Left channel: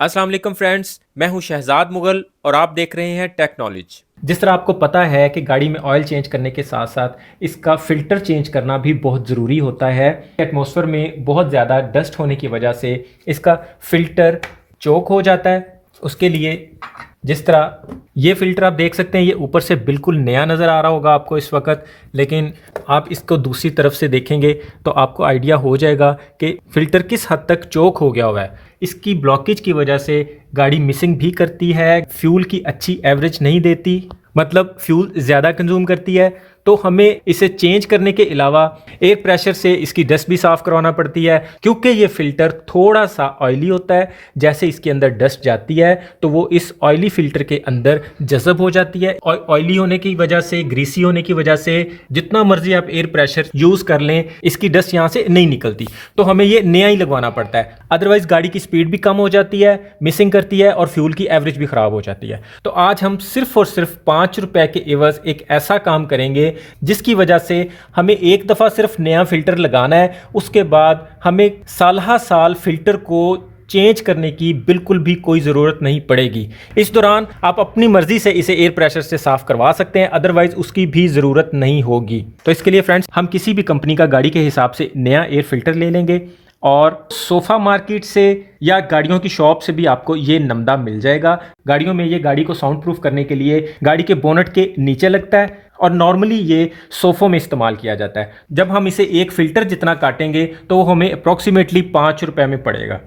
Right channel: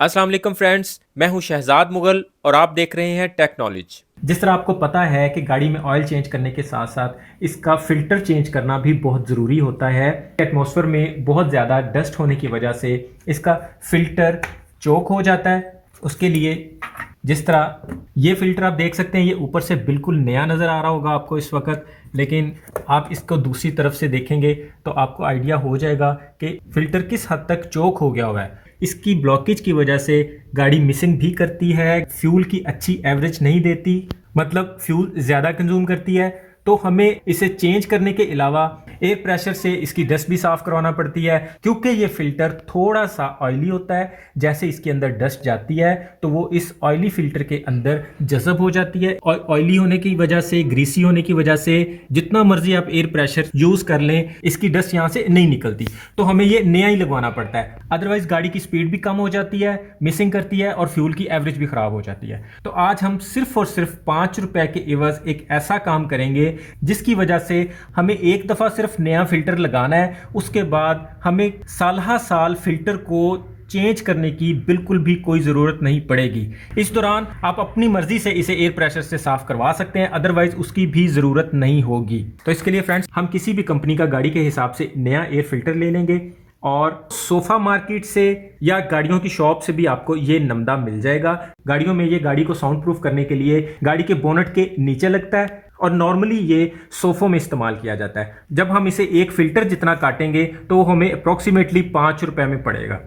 अस्सलाम वालेकुम फ्रेंड्स, मैं हूं शहजाद मुगल और आप देख रहे हैं टेक नॉलेज। जिस तरह आपको पता है कि गाड़ी में ऑयल चेंज करने के साथ साथ इसका फ़िल्टर चेंज करना भी बहुत ज़रूरी होता है। एटमॉस्फेयर में बहुत ज़्यादा डस्ट होने की वजह से इसका फ़िल्टर चोक हो जाता है। उसके लिए जिस तरह ये फ़िल्टर आप देख सकते हैं, ये ऊपर से बिल्कुल नया नज़र आ रहा होगा आपको इस वक्त, लेकिन आप इसको दूसरी तरफ से देखेंगे तो आपको आइडिया हो जाएगा कि फ़िल्टर किस हद तक चोक हो गया हुआ है। इसकी ब्लॉकेज की वजह से गाड़ी मिसिंग भी करती है, फ्यूल की अच्छी एवरेज नहीं देती, मतलब फ्यूल ज़्यादा कंज्यूम करती है। तो हमें इसे चेंज करने के अलावा एयर प्रेशर से इसकी डस्ट भी साफ़ करवाना पड़ती है, क्योंकि ये फ़िल्टर थोड़ा सा ऑयली होता है। जैसे इसके अंदर डस्ट जाती है तो वो इस ऑयली फ़िल्टर के अंदर जज़ब हो जाती है। ऑयली होने की वजह से, ग्रीसी होने की वजह से जितना मर्जी आप एयर प्रेशर यूज़ कर लें, इसकी डस्ट यहाँ से नहीं निकलती। तो हमें ये नया ही लगवाना पड़ता है, अदरवाइज़ गाड़ी की स्पीड भी कम हो जाती है, मिसिंग करती है और फ्यूल की एवरेज भी ख़राब हो जाती है। तो आज हम सिर्फ और सिर्फ 5 रुपए के एवज एक ऐसा काम करेंगे जिसकी वजह से हमें एक दफ़ा सिर्फ नया फ़िल्टर लगाना है, उसके बाद हमें साल फ़िल्टर को चेंज करने की बिल्कुल भी कोई ज़रूरत नहीं पड़ेगी। इस दौरान आप अपनी मर्ज़ी से इसे एयर प्रेशर से साफ़ करवा सकते हैं, अदरवाइज़ उसकी भी ज़रूरत नहीं होगी। तो इसके लिए फ्रेंड्स, हम किसी भी कंपनी का गाड़ी के हिसाब से नया एयर फ़िल्टर ले लेंगे और सोफ़ा मार्केट से या गाड़ियों की शॉप से भी आपको ये नमदा मिल जाएगा। गाड़ियों में ये गाड़ी को साउंड प्रूफ करने के लिए गाड़ी के बोनट के नीचे लगता है और नॉर्मली ये सोफ़ों में इस्तेमाल किया जाता है। जब हम इसे एक फ़िल्टर जितना काटेंगे तो वो हमें अप्रॉक्सीमेटली 5 रुपए में पड़ेगा।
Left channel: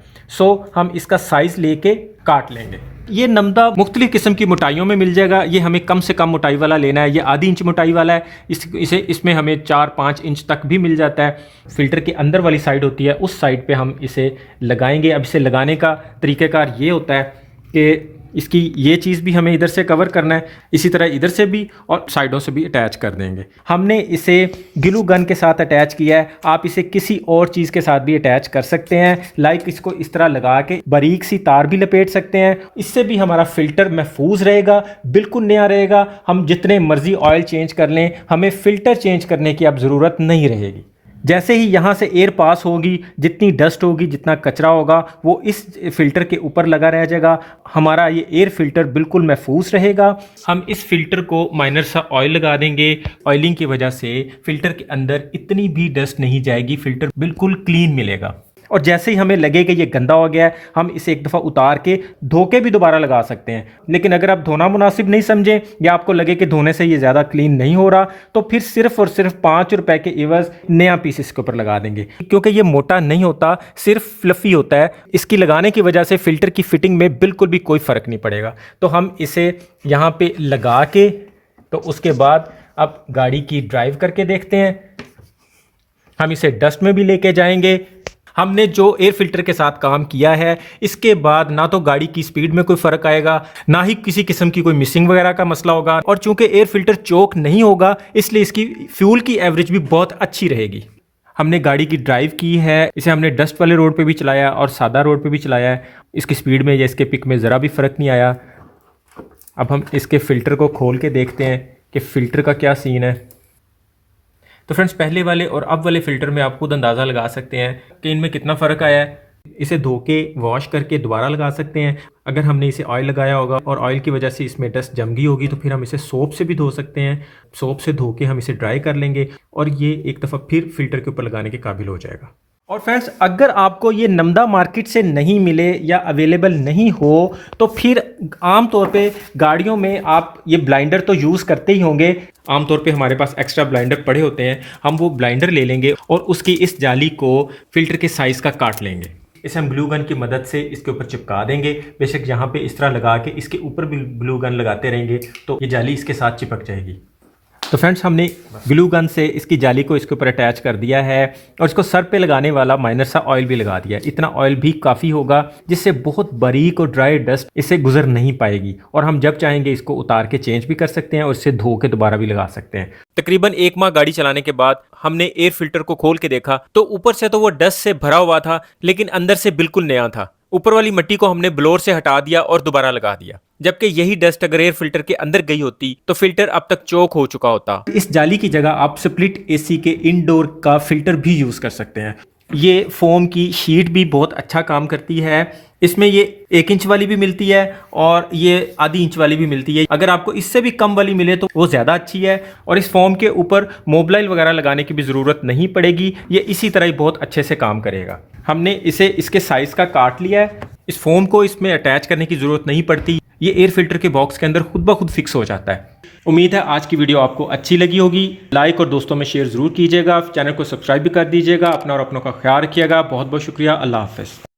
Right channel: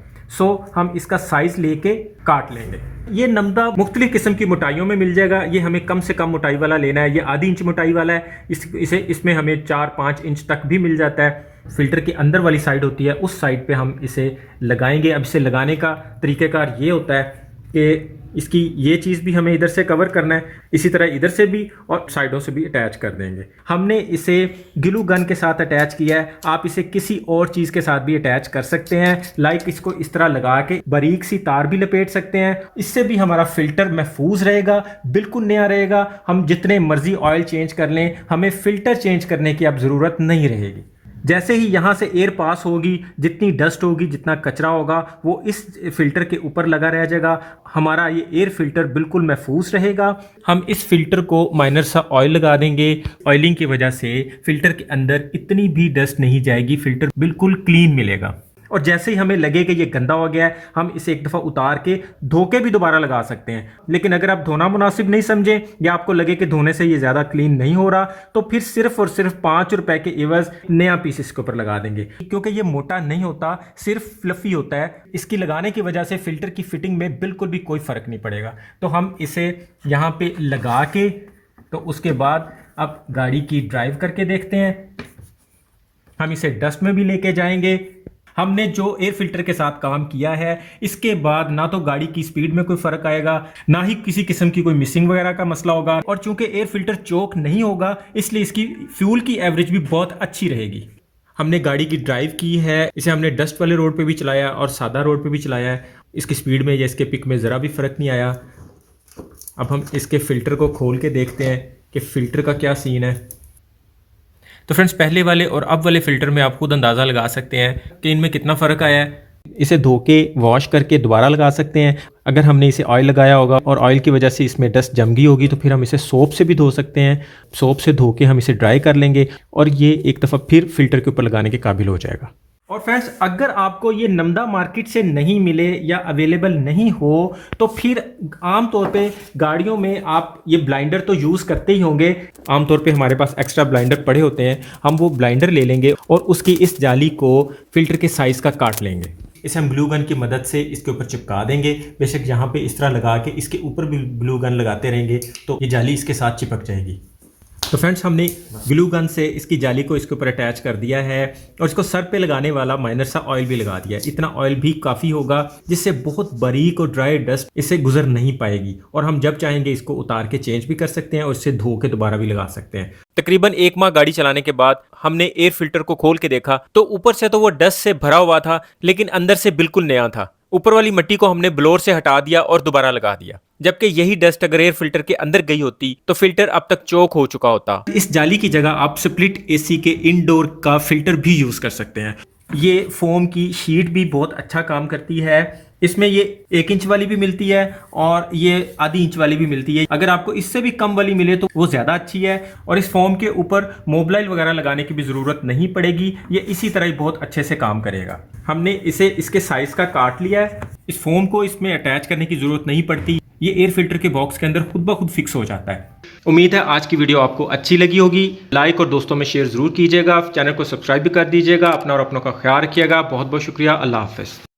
हम इसका साइज़ लेके काट लेंगे। ये नमदा मुख्तलिफ किस्म की मोटाइयों में मिल जाएगा। ये हमें कम से कम मोटाई वाला लेना है। ये आधी इंच मोटाई वाला है। इसमें हमें 4-5 इंच तक भी मिल जाता है। फ़िल्टर के अंदर वाली साइड होती है, उस साइड पे हम इसे लगाएंगे। अब इसे लगाने का तरीक़ेकार ये होता है कि इसकी ये चीज़ भी हमें इधर से कवर करना है, इसी तरह इधर से भी और साइडों से भी अटैच कर देंगे। हमने इसे ग्लू गन के साथ अटैच किया है, आप इसे किसी और चीज़ के साथ भी अटैच कर सकते हैं। लाइक इसको इस तरह लगा के बारीक सी तार भी लपेट सकते हैं। इससे भी हमारा फ़िल्टर महफूज रहेगा, बिल्कुल नया रहेगा। हम जितने मर्जी ऑयल चेंज कर लें, हमें फ़िल्टर चेंज करने की अब ज़रूरत नहीं रहेगी। जैसे ही यहाँ से एयर पास होगी, जितनी डस्ट होगी, जितना कचरा होगा, वो इस फ़िल्टर के ऊपर लगा रह जाएगा। हमारा ये एयर फ़िल्टर बिल्कुल महफूज रहेगा। हम इस फ़िल्टर को माइनर सा ऑयल लगा देंगे। ऑयलिंग की वजह से फ़िल्टर के अंदर इतनी भी डस्ट नहीं जाएगी, फ़िल्टर बिल्कुल क्लीन मिलेगा। और जैसे ही हमें लगे कि ये गंदा हो गया है, हम इसे एक दफ़ा उतार के धो के भी दोबारा लगा सकते हैं। लेकिन अगर आप धोना मुनासिब नहीं समझें या आपको लगे कि धोने से ये ज़्यादा क्लीन नहीं हो रहा, तो फिर सिर्फ और सिर्फ 5 रुपए के एवज नया पीस इसके ऊपर लगा देंगे। क्योंकि ये मोटा नहीं होता, सिर्फ फ्लफ़ी होता है। इसकी लगाने की वजह से फ़िल्टर की फ़िटिंग में बिल्कुल भी कोई फ़र्क नहीं पड़ेगा। तो हम इसे यहाँ पे लगा के, तो उसके बाद अब गाड़ी की ड्राइव करके देखते हैं। हम इसे डस्ट में भी लेके जाएंगे। हमने जो एयर फ़िल्टर के साथ काम किया है, इसके बाद ना तो गाड़ी की स्पीड में कोई फ़र्क आएगा, ना ही किसी किस्म की कोई मिसिंग वगैरह का मसला होगा। और चूंकि एयर फ़िल्टर चोक नहीं होगा, इसलिए इसकी फ्यूल की एवरेज भी बहुत अच्छी रहेगी। हमने गाड़ी की ड्राइव की है, इसे हमने डस्ट वाले रोड पे भी चलाया और सादा रोड पे भी चलाया है। इसकी स्पीड में या इसके पिक में ज़रा भी फ़र्क नहीं आया। अब हम इसके फ़िल्टर को खोल के देखते हैं कि फ़िल्टर का क्या सीन है। तो फ्रेंड्स, पहले वाले और अब वाले फ़िल्टर में आप खुद अंदाज़ा लगा सकते हैं कि इनमें कितना फ़र्क आया है। इसे धो के वॉश करके दोबारा लगा सकते हैं। अगर हमने इसे ऑयल लगाया होगा और ऑयल की वजह से इसमें डस्ट जम गई होगी, तो फिर हम इसे सोप से भी धो सकते हैं। सोप से धो के हम इसे ड्राई कर लेंगे और ये एक दफ़ा फिर फ़िल्टर के ऊपर लगाने के काबिल हो जाएगा। और फ्रेंड्स, अगर आपको ये नमदा मार्केट से नहीं मिले या अवेलेबल नहीं हो, तो फिर आम तौर पे गाड़ियों में आप ये ब्लाइंडर तो यूज़ करते ही होंगे। आम तौर पे हमारे पास एक्स्ट्रा ब्लाइंडर पड़े होते हैं। हम वो ब्लाइंडर ले लेंगे और उसकी इस जाली को फ़िल्टर के साइज़ का काट लेंगे। इसे हम ग्लू गन की मदद से इसके ऊपर चिपका देंगे। बेशक यहाँ पे इस तरह लगा के इसके ऊपर भी ग्लू गन लगाते रहेंगे तो ये जाली इसके साथ चिपक जाएगी। तो फ्रेंड्स, हमने ग्लू गन से इसकी जाली को इसके ऊपर अटैच कर दिया है और इसको सर पे लगाने वाला माइनर सा ऑयल भी लगा दिया है। इतना ऑयल भी काफ़ी होगा जिससे बहुत बारीक और ड्राई डस्ट इससे गुजर नहीं पाएगी। और हम जब चाहेंगे इसको उतार के चेंज भी कर सकते हैं और इससे धो के दोबारा भी लगा सकते हैं। तकरीबन 1 माह गाड़ी चलाने के बाद हमने एयर फिल्टर को खोल के देखा तो ऊपर से तो वो डस्ट से भरा हुआ था, लेकिन अंदर से बिल्कुल नया था। ऊपर वाली मिट्टी को हमने ब्लोअर से हटा दिया और दोबारा लगा दिया, जबकि यही डस्ट अगर एयर फिल्टर के अंदर गई होती तो फिल्टर अब तक चोक हो चुका होता। इस जाली की जगह आप स्प्लिट एसी के इनडोर का फिल्टर भी यूज़ कर सकते हैं। ये फोम की शीट भी बहुत अच्छा काम करती है। इसमें ये 1 इंच वाली भी मिलती है और ये आधी इंच वाली भी मिलती है। अगर आपको इससे भी कम वाली मिले तो वो ज़्यादा अच्छी है और इस फोम के ऊपर मोबाइल वगैरह लगाने की भी ज़रूरत नहीं पड़ेगी। ये इसी तरह ही बहुत अच्छे से काम करेगा। हमने इसे इसके साइज़ का काट लिया है। इस फोम को इसमें अटैच करने की ज़रूरत नहीं पड़ती, ये एयर फिल्टर के बॉक्स के अंदर खुद ब खुद फिक्स हो जाता है। उम्मीद है आज की वीडियो आपको अच्छी लगी होगी। लाइक और दोस्तों में शेयर ज़रूर कीजिएगा। चैनल को सब्सक्राइब भी कर दीजिएगा। अपना और अपनों का ख्याल रखिएगा। बहुत बहुत शुक्रिया। अल्लाह हाफ़िज़।